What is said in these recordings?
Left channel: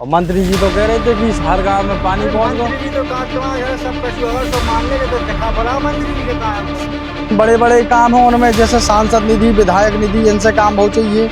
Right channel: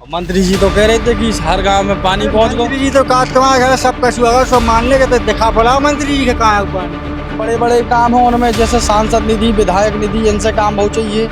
और मंत्री जी तो कह रहे थे कि हर गांव में पानी पहुंच गया। मंत्री जी तो कहा तुम्हारे घर सब कछु अगर सब मान लेंगे तो दिखा पड़ा मंत्री जी के कहाँ है ऊपर। बड़े बड़े काम हो उनमें, जैसे सांसद निधि, विधायक निधि, इनसे काम हो चाहिए,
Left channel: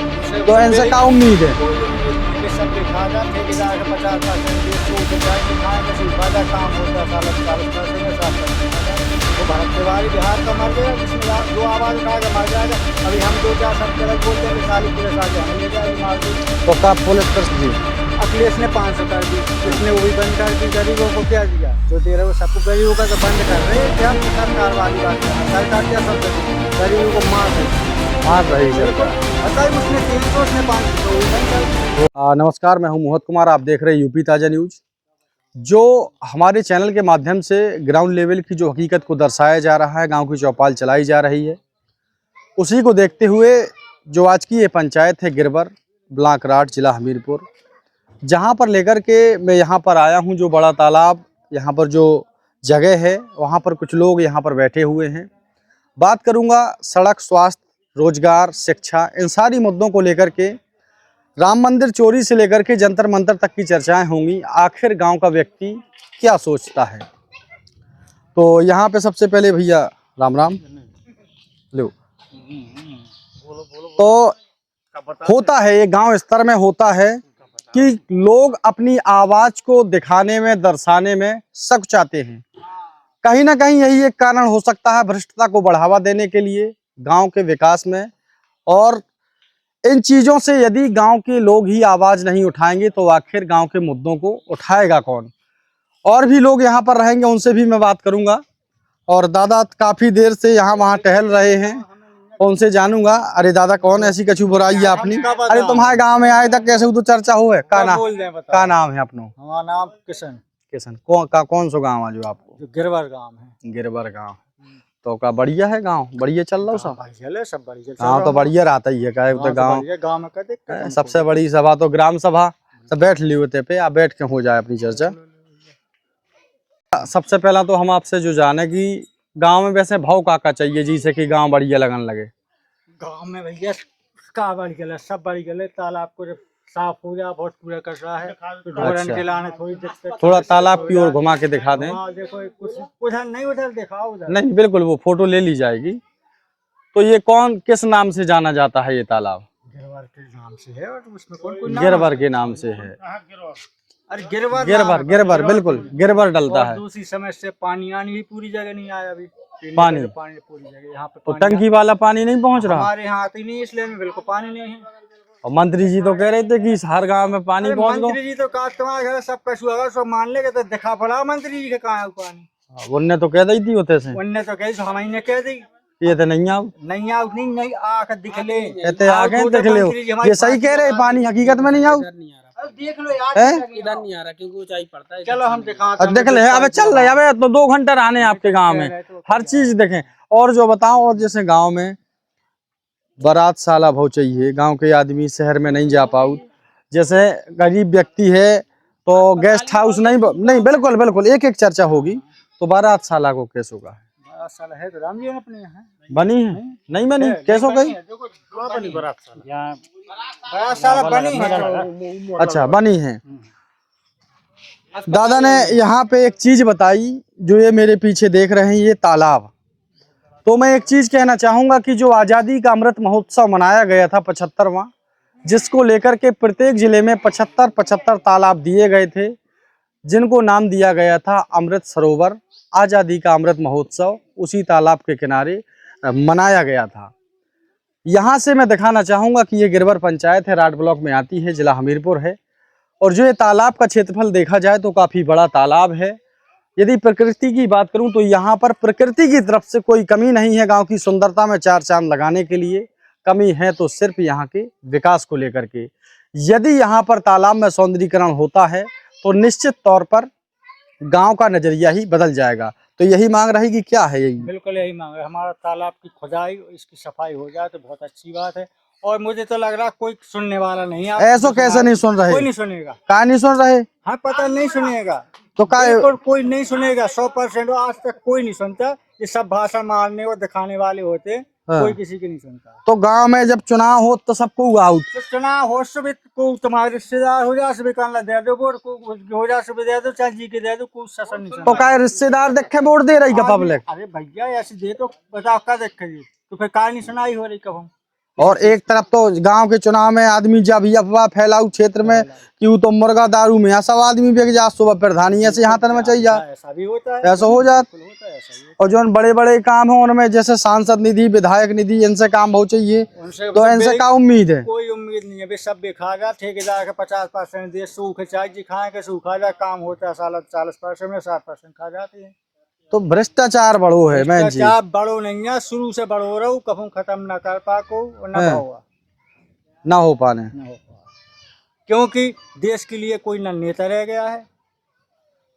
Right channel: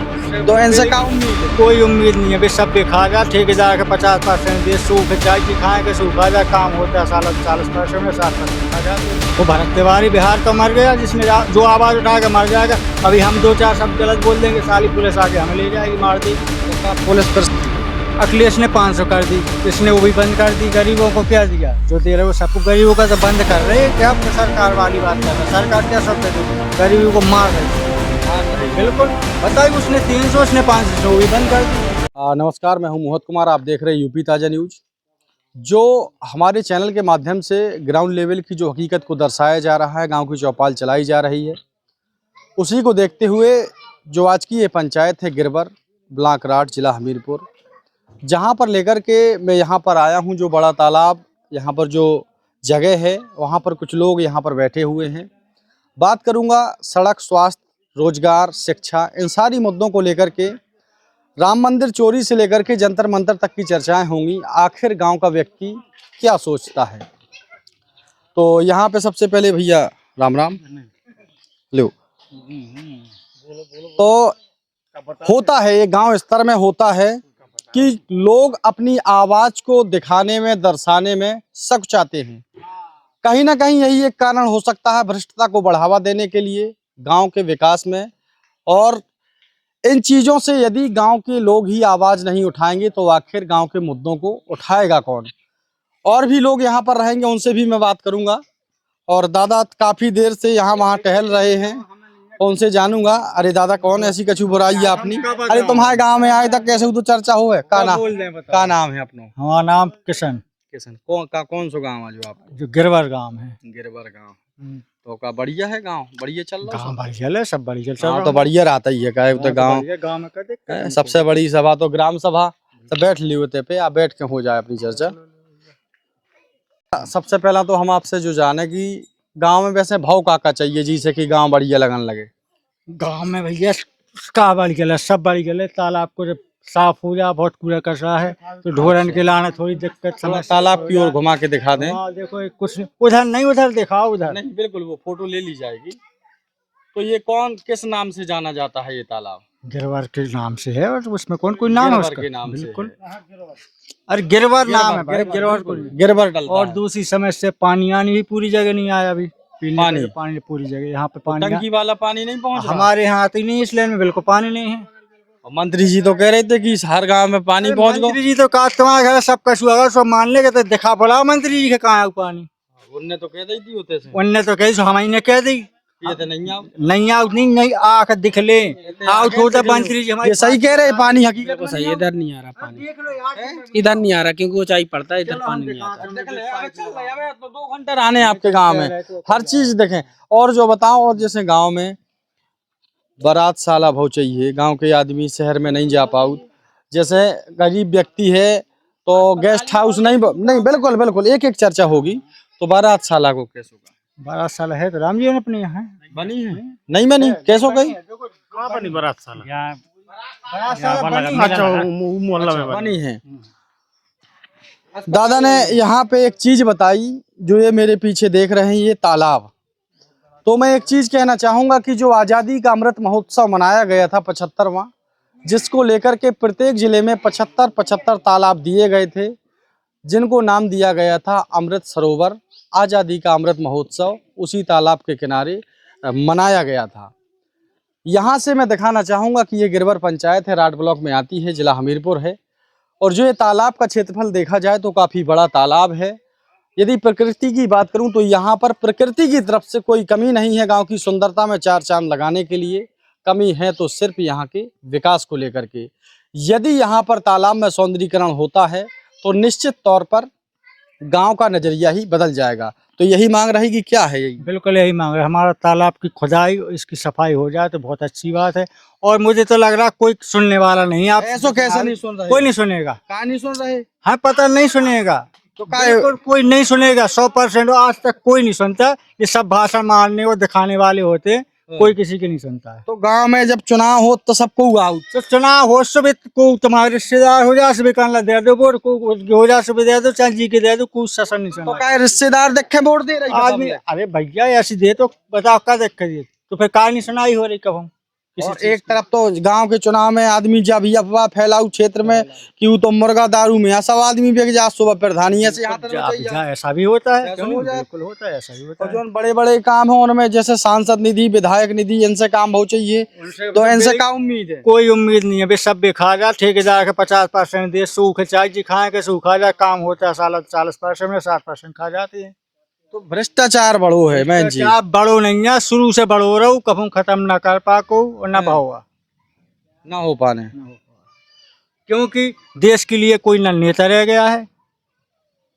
तो इनसे क्या उम्मीद है? कोई उम्मीद नहीं है, बस सब दिखा गया ठेकेदार के 50% दे, सूख जाए कि खाएंगे सूखा जाए, काम होता है 40% में 60%। वो भरत तिवारी बिहार तो मर गया, जिसमें जो आवाज उठा के मर जाएगा। अभी हम 2-4 शब्द गलत बोल देंगे, सारी पुलिस आके हमें ले जाएगी मार दी। तो क्या पुलिस कर दी? अखिलेश ने 500 कर दी, इसने वो भी बंद कर दी। गरीबों को क्या दिया? जो दे रहे वो सबको गरीबों का तो बंद कर रहे हैं। क्या सरकार वाली बात है? सरकार क्या सब गरीबों को मार रही है। बिल्कुल बताइए, उसने 300, उसने 500, वो भी बंद कर दी। नमस्कार, मैं हूं मोहित कुमार, आप देख रहे हैं यूपी ताज़ा न्यूज। जो हमारे चैनल के माध्यम से ग्राउंड लेवल की जो हकीकत को दर्शाया जा रहा है, गांव की चौपाल चलाई जा रही है, उसी को देखते हुए जो आज की ये पंचायत है गिरबर, ब्लॉक राठ, जिला हमीरपुर, जहां पर लेकर के मैं यहां पर आया हूं। जो बड़ा तालाब, यहां पर जो जगह है, वहां पर कुछ लोग यहां पर बैठे हुए हैं। बात करूंगा सड़क, स्वास्थ्य, रोजगार, शिक्षा, इन सारी मुद्दों को लेकर के। राम मंदिर चोरी से लेकर के जंतर मंतर तक की चर्चाएं होंगी। आखिर गांव का व्यक्ति क्या सोचता है? तो यहाँ पे सबसे पहले भैया राम राम लो। तो होता है, ये गांव स्तर में होता है कि लोग अपनी आवाज को दिखाने में, दर्शाने में सकुचाते हैं। कहीं ना कहीं यही एक कारण हो सकता है भ्रष्टता को बढ़ावा देने के लिए गांव के विकास में। और इन चीज़ों से यदि गांव के लोग ही आवाज़ नहीं उठाएंगे तो आखिर गांव के मुद्दों को उठाएगा कौन? और भी लोग यहाँ पर रहेंगे, उनसे भी मैं बात करूंगा। और दादा काफ़ी देर से यहाँ वहाँ टहल रहे हैं, उनसे जानूंगा। अरे दादा, कौन ऐसी कछु बुराई है अपनी? अरे तुम्हारे गांव में आए तक कैसे तो चर्चा हो है? का नाम है अपनो? हमारा नाम किशन। किशन। कौन सो गाँव है जो आपको? जो गिरवर गांव है। गिरबर गाँव। तो का बढ़िया है गाँव? बढ़िया चल रहा गाँव सब? बढ़िया है, सब बढ़िया चल हाँ, रहा तो बढ़िया रहता ही है। कहे तो गाँव गाँव में कर दे। सबसे बड़ी सभा तो ग्राम सभा। तो बैठ ली होते पे, आप बैठ के हो जाए अपनी चर्चा। सबसे पहला तो हम आपसे जो जाने कि गांव में वैसे भाव का चाहिए जिसे कि गांव बढ़िया लगन लगे। गाँव में भैया का बड़ी गले, सब बड़ी गले। तालाब को जब साफ हो जाए, बहुत कूड़ा कचरा है, तो ढोरन के लाने थोड़ी दिक्कत। थोड़ा तालाब की ओर घुमा के दिखा दें। देखो कुछ उधर नहीं, उधर दिखाओ, उधर नहीं, बिल्कुल वो फोटो ले ली जाएगी। तो ये कौन, किस नाम से जाना जाता है ये तालाब? गिरवर के नाम से है, और उसमें कौन कोई नाम है गिरबर उसका? के नाम से है। अरे गिरवर नाम गिरबर, है, गिरबर, बिल्कुल गिरबर डलता और है। दूसरी समय से पानी आनी भी पूरी जगह नहीं आया अभी। पानी पानी पूरी जगह यहाँ पे तो पानी टंकी वाला पानी नहीं पहुंच रहा? हमारे यहाँ आती नहीं, इसलिए में बिल्कुल पानी नहीं है। और मंत्री जी तो कह रहे थे कि हर गांव में पानी पहुंच गया। मंत्री जी तो कहा तुम्हारे घर सब कछु अगर सब मान लेंगे तो दिखा पड़ा मंत्री जी के कहाँ है पानी। उनने तो कह दी थी होते से, उनने तो कही हमारी कह दी ये तो नहीं आओ, नहीं आओ, नहीं आकर दिख ले। कहते आगे देख ले। ये सही कह रहे हैं, पानी हकीकत में नहीं आओ। इधर नहीं आ रहा पानी, देख लो यार, इधर नहीं आ रहा क्योंकि ऊंचाई पड़ता है। इधर चलो हम पानी नहीं आ दिखाते देख ले, अबे चल रहे, अबे तो 2 घंटे रहने आपके गांव में, हर चीज देखें। और जो बताओ, और जैसे गांव में बारात साला भाव चाहिए, गांव के आदमी शहर में नहीं जा पाऊ। जैसे गरीब व्यक्ति है तो गेस्ट हाउस नहीं, बिल्कुल बिल्कुल एक एक चर्चा होगी। तो बारात साला को कैस होगा? 12 साल है तो राम जी ने अपने यहाँ बनी है, नहीं बनी, कैसो गई? बारात साल बनी है। अच्छा, बनी है। दादा ने यहाँ पे एक चीज बताई, जो ये मेरे पीछे देख रहे हैं, ये तालाब। तो मैं एक चीज कहना चाहूंगा कि जो आज़ादी का अमृत महोत्सव मनाया गया था 75वां, जिसको लेकर के प्रत्येक जिले में 75 तालाब दिए गए थे, जिनको नाम दिया गया था अमृत सरोवर। आज़ादी का अमृत महोत्सव उसी तालाब के किनारे मनाया गया था। यहाँ से मैं दिखाना चाहूँगा कि ये गिरबर पंचायत है, राठ ब्लॉक में आती है, जिला हमीरपुर है। और जो ये तालाब का क्षेत्रफल देखा जाए तो काफ़ी बड़ा तालाब है। यदि प्रकृति की बात करूं तो यहाँ पर प्रकृति की तरफ से कोई कमी नहीं है। गांव की सुंदरता में 4 चांद लगाने के लिए कमी है तो सिर्फ यहाँ के विकास को लेकर के। यदि यहाँ पर तालाब में सौंदर्यीकरण होता है तो निश्चित तौर पर गांव का नजरिया ही बदल जाएगा। तो यही मांग रहेगी, क्या है यही? बिल्कुल यही मांग रहे, हमारा तालाब की खुदाई, इसकी सफाई हो जाए तो बहुत अच्छी बात है। और मुझे तो लग रहा कोई सुनने वाला नहीं है। ऐसो कैसे नहीं सुन रहे? कोई नहीं सुनेगा। कहा नहीं सुन रहे? हाँ, पता नहीं सुनेगा तो कोई नहीं सुनेगा। 100% आज तक कोई नहीं सुनता। ये सब भाषण मारने और दिखाने वाले होते हैं, हाँ। कोई किसी की नहीं सुनता है। तो गांव में जब चुनाव हो तो सबको आउट। तो चुनाव हो सुबह को तुम्हारे रिश्तेदार हो जा सुबह कान दे दो वोट को हो जा सुबह दे दो चाहे जी के दे दो कुछ शासन नहीं तो सुनता। क्या रिश्तेदार देखे वोट दे रही है पब्लिक? अरे भैया ऐसी दे तो बताओ क्या देख कर तो फिर कार नहीं सुनाई हो रही कब हम और एक तरफ तो गांव के चुनाव में आदमी जब ये अफवाह फैलाऊ क्षेत्र में कि वो तो मुर्गा दारू में सब आदमी बेच जा सुबह प्रधानी ऐसे यहाँ तक में चाहिए जा। ऐसा भी होता है, ऐसा हो जाता होता है, ऐसा भी होता और जो बड़े बड़े काम है उनमें जैसे सांसद निधि विधायक निधि इनसे काम बहुत चाहिए, तो इनसे क्या उम्मीद है? कोई उम्मीद नहीं है बे सब खा जा ठेकेदार के 50% दे सूख चाय जी खाए के सूखा जा काम होता है साल 40% में 60% खा जाती है। तो भ्रष्टाचार बड़ो है मैं जी। क्या बड़ो नहीं है शुरू से बड़ो रहो कभी खत्म ना कर पाको और ना पाओगा ना हो पाने, क्योंकि देश के लिए कोई न नेता रह गया है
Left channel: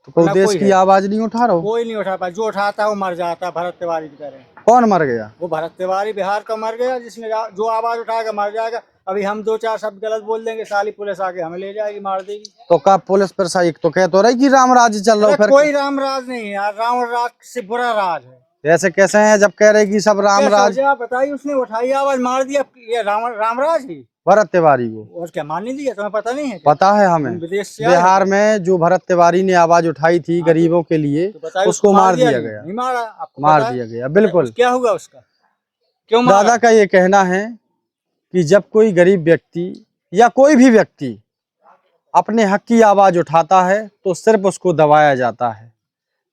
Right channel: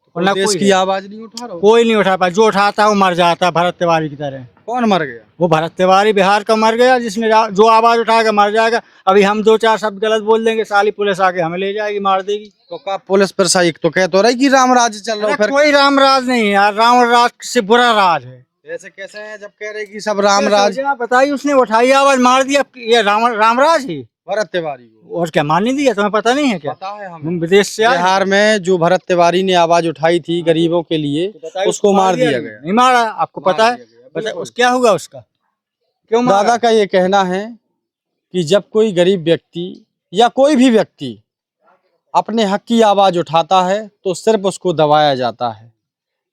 तो कोई देश की आवाज नहीं उठा रहा। कोई नहीं उठा पा, जो उठाता है वो मर जाता है भरत तिवारी की तरह। कौन मर गया? वो भरत तिवारी बिहार का मर गया जिसने जो आवाज उठाएगा मर जाएगा। अभी हम 2-4 शब्द गलत बोल देंगे साली पुलिस आके हमें ले जाएगी मार देगी। तो का पुलिस प्रशासन तो कह तो रही कि राम राज्य चल रहा है, फिर कोई राम राज नहीं है यार, राम राज से बुरा राज है। ऐसे कैसे हैं जब कह रहे कि सब राम राज? बताइए उसने उठाई आवाज मार दिया, ये राम राज ही भरत तिवारी को और क्या मान नहीं दिया? तुम्हें पता नहीं है क्या? पता है हमें, विदेश से बिहार में जो भरत तिवारी ने आवाज उठाई थी गरीबों के लिए उसको मार दिया गया। नहीं मारा, आपको पता मार है? दिया गया बिल्कुल। क्या होगा उसका? क्यों मारा? दादा का ये कहना है कि जब कोई गरीब व्यक्ति या कोई भी व्यक्ति अपने हक की आवाज उठाता है तो सिर्फ उसको दबाया जाता है।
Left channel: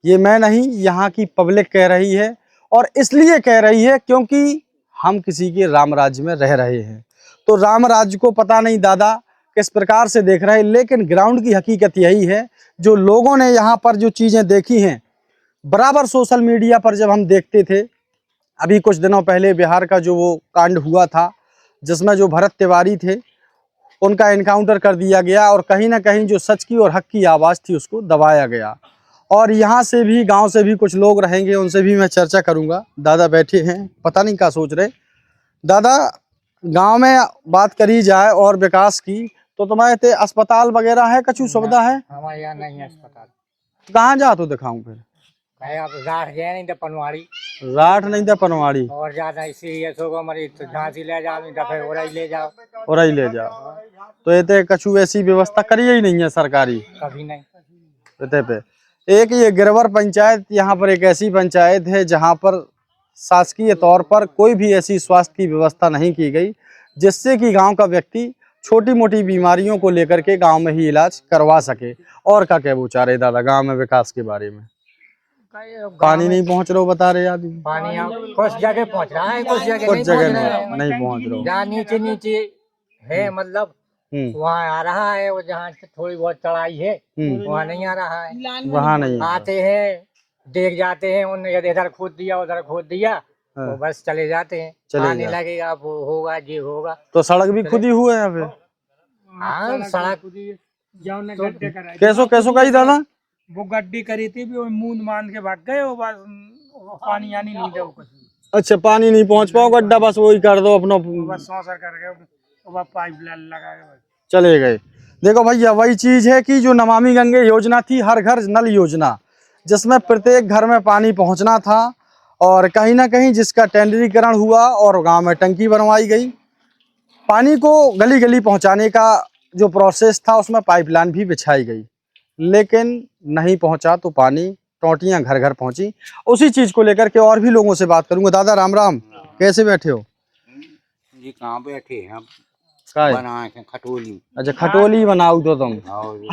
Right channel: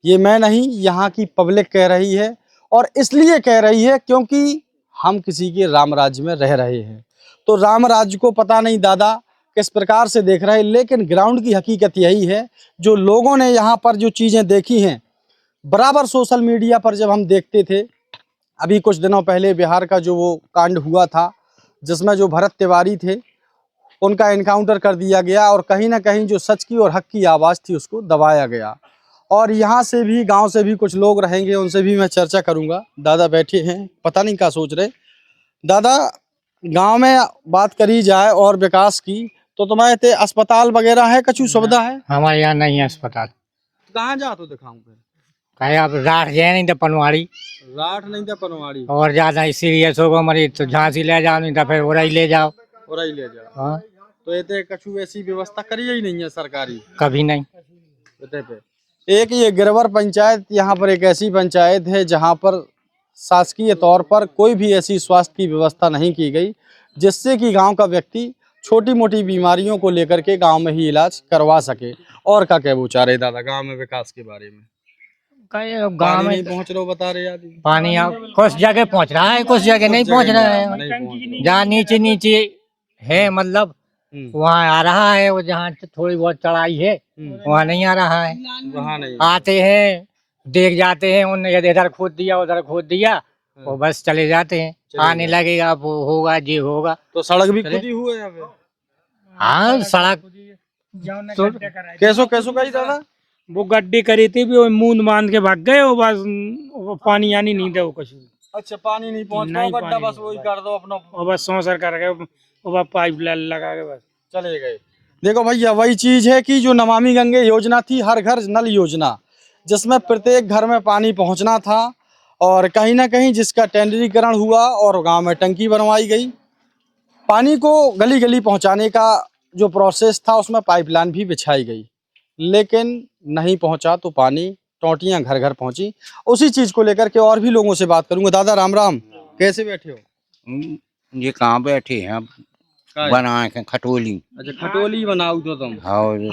ये मैं नहीं, यहाँ की पब्लिक कह रही है और इसलिए कह रही है क्योंकि हम किसी के राम राज्य में रह रहे हैं। तो राम राज्य को पता नहीं दादा किस प्रकार से देख रहे हैं, लेकिन ग्राउंड की हकीकत यही है। जो लोगों ने यहाँ पर जो चीज़ें देखी हैं बराबर सोशल मीडिया पर जब हम देखते थे, अभी कुछ दिनों पहले बिहार का जो वो कांड हुआ था जिसमें जो भरत तिवारी थे उनका एनकाउंटर कर दिया गया और कहीं ना कहीं जो सच की और हक की आवाज़ थी उसको दबाया गया। और यहाँ से भी गांव से भी कुछ लोग रहेंगे, उनसे भी मैं चर्चा करूंगा। दादा बैठे हैं, पता नहीं क्या सोच रहे। दादा, गांव में बात करी जाए और विकास की तो तुम्हारे ते अस्पताल वगैरह है, कछु सुविधा है? हमारे यहाँ नहीं है अस्पताल। कहाँ जा तो दिखाऊं फिर? कहे आप राठ जाए नहीं तो पनवाड़ी, राठ नहीं था पनवाड़ी, और ज्यादा सीरियस होगा मरीज तो झांसी ले जाओ, नहीं तो फिर उड़ई ले जाओ। और ही ले जाओ। हाँ, तो ये कछु ऐसी व्यवस्था करी ही नहीं है सरकारी कभी नहीं। पे। एक ये गिरवर पंचायत, यहाँ पर एक ऐसी पंचायत है जहाँ पर शासकीय तौर पर कोई भी ऐसी स्वास्थ्य की व्यवस्था नहीं की गई जिससे कि गांव का व्यक्ति छोटी मोटी बीमारियों को लेकर के गांव में ही इलाज करवा सके। और क्या कह चाह रहे दादा गांव में विकास के बारे में? पानी नहीं पहुँच रहा बता रहे आदमी। पानी कुछ जगह पहुँच रहा है, कुछ जगह नहीं पहुँच रहा है। नहीं पहुँच रहा। जहाँ नीचे नीचे है मतलब वहाँ आ रहा है, वो जहाँ थोड़ी बहुत चढ़ाई है वहाँ नहीं आ रहा है। वहाँ नहीं आते हैं देख जाते हैं, उन्होंने इधर खोद दिया उधर खोद दिया, वो बस चले जाते हैं। आने लगेगा वो होगा जी होगा। तो सड़क भी खुदी हुआ है यहाँ पे? हाँ सड़क कैसो कैसो कही दादा? वो गड्ढे करी थी भी वो मूंद बांध के भाग गए, वो बस वो पानी आनी नहीं दे वो कुछ। अच्छा, पानी नहीं पहुँच पाओ गड्ढा, बस वही कर दो अपना, वो बस सौंसर कर गए, वो बस पाइप लगा के बस चले गए। देखो भैया, वही चीज है कि जो नमामि गंगे योजना थी, हर घर नल योजना, जिसमें प्रत्येक घर में पानी पहुंचना था और कहीं ना कहीं जिसका टेंडरीकरण हुआ और गांव में टंकी बनवाई गई। पानी को गली गली पहुंचाने का जो प्रोसेस था उसमें पाइपलाइन भी बिछाई गई, लेकिन नहीं पहुंचा तो पानी टोंटियां घर घर पहुंची। उसी चीज को लेकर के और भी लोगों से बात करूंगा। दादा राम राम, कैसे बैठे हो? ये कहाँ बैठे हैं अब? बनाए के खटोली। अच्छा, खटोली बनाऊ तो तुम?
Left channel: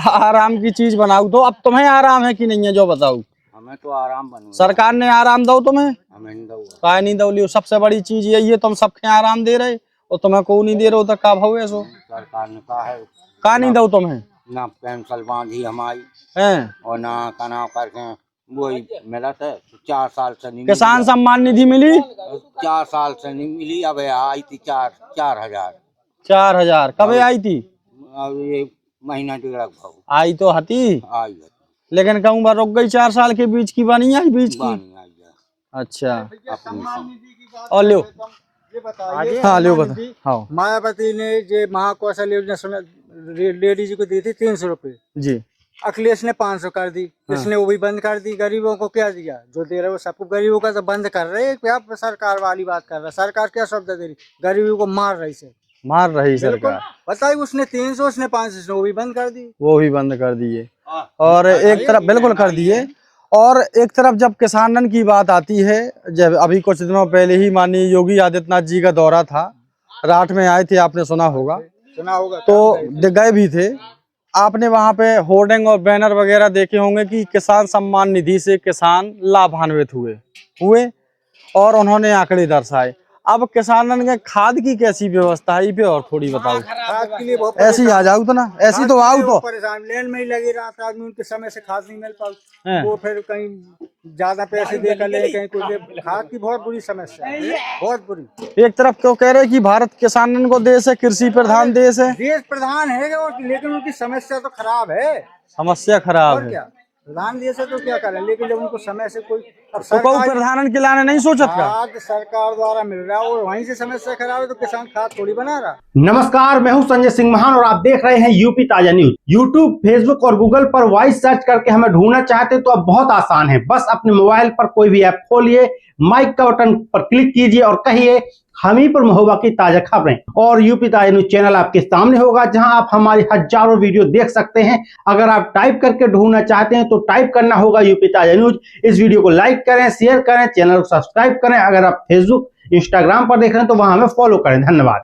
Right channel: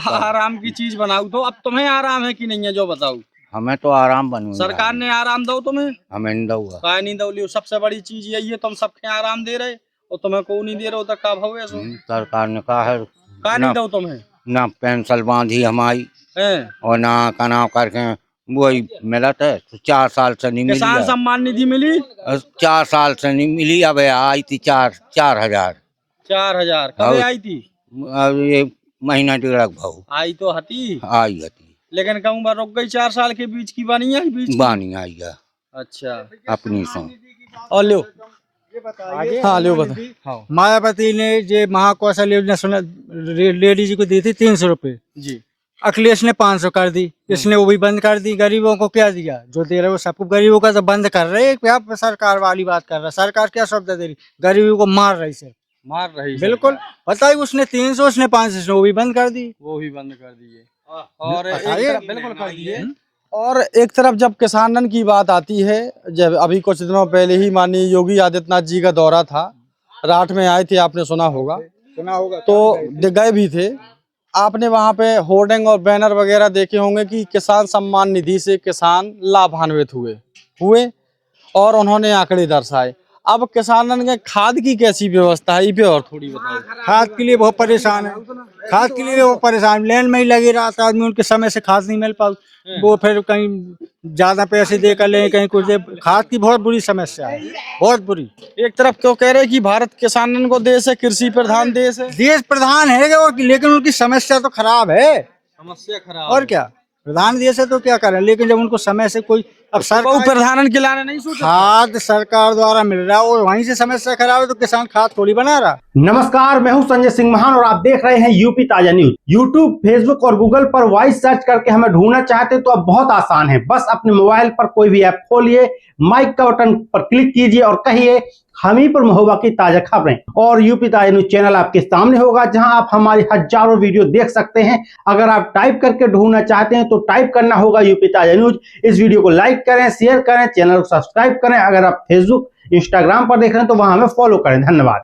आराम की चीज बनाऊ तो। अब तुम्हें आराम है कि नहीं है जो बताऊ? हमें तो आराम बनू। सरकार ने आराम दो तुम्हें? हमें नहीं दूंगा। काय नहीं दो लियो, सबसे बड़ी चीज यही है, तुम सबके आराम दे रहे और तुम्हें को नहीं दे रहे हो तो का भाव है सो? सरकार ने कहा है का नहीं दो तुम्हें? ना पेंशन बांधी हमारी हैं? और ना कनाव करके वही मिला था 4 साल से नहीं मिली। किसान सम्मान निधि मिली? 4 साल से नहीं मिली। अब आई थी 4,000। 4,000 कब आई थी? अब ये महीना 1.5 भाव आई तो हती, आई हती, लेकिन कहूँ बार रुक गई 4 साल के बीच की बनी आई बीच की? बानी आई है अच्छा, अपनी सौ। और लो हाँ लो बता। हाँ मायावती ने जो महाकौशल योजना सुना लेडीज को दी थी 300 रुपए जी, अखिलेश ने 500 कर दी, इसने वो भी बंद कर दी। गरीबों को क्या दिया? जो दे रहे वो सबको गरीबों का तो बंद कर रहे हैं। क्या सरकार वाली बात कर रहा है? सरकार क्या शब्द दे रही? गरीबों को मार रही से, मार रही बिल्कुल। सरकार। बताइए, उसने 300, उसने 500, वो भी बंद कर दी। वो भी बंद कर दिए और एक तरफ बिल्कुल कर दिए। और एक तरफ जब किसानन की बात आती है, जब अभी कुछ दिनों पहले ही माननीय योगी आदित्यनाथ जी का दौरा था, राठ में आए थे, आपने सुना होगा, तो गए भी थे। आपने वहां पे होर्डिंग और बैनर वगैरह देखे होंगे कि किसान सम्मान निधि से किसान लाभान्वित हुए और उन्होंने आंकड़े दर्शाए। अब किसानन के खाद की कैसी व्यवस्था है, ये पे और थोड़ी बताइए। खाद के लिए बहुत ऐसी आ परेशान, जाओ तो ना, ऐसी खाद तो के लिए आओ वो तो। परेशान, लेन में ही लगे रहा था आदमी, उनके समय से खाद नहीं मिल पाई। वो फिर कहीं ज्यादा पैसे दे कर ले, कहीं कुछ दे। खाद की बहुत बुरी समस्या है, बहुत बुरी। एक तरफ तो कह रहे कि भारत किसानन को देश है, कृषि प्रधान देश है। देश प्रधान है लेकिन उनकी समस्या तो खराब है। समस्या खराब और है। क्या, प्रधान देश है तो क्या करें, लेकिन जब उनको समय से कोई अब तो कोई प्रधानन के लाने नहीं सोचा। खाद सरकार द्वारा मिल रहा है और वहीं से समस्या खराब है, तो किसान खाद थोड़ी बना रहा। नमस्कार, मैं हूं संजय सिंह महान और आप देख रहे हैं यूपी ताजा न्यूज। यूट्यूब, फेसबुक और गूगल पर वॉइस सर्च करके हमें ढूंढना चाहते तो अब बहुत आसान है। बस अपने मोबाइल पर कोई भी ऐप खोलिए, माइक का बटन पर क्लिक कीजिए और कहिए हम ही पर महोबा की ताजा खबरें। और यूपी ताजा न्यूज चैनल आपके सामने होगा, जहां आप हमारी हजारों वीडियो देख सकते हैं। अगर आप टाइप करके ढूंढना चाहते हैं तो टाइप करना होगा यूपी ताजा न्यूज। इस वीडियो को लाइक करें, शेयर करें, चैनल को सब्सक्राइब करें। अगर आप फेसबुक, इंस्टाग्राम पर देख रहे हैं तो वहां हमें फॉलो करें। धन्यवाद।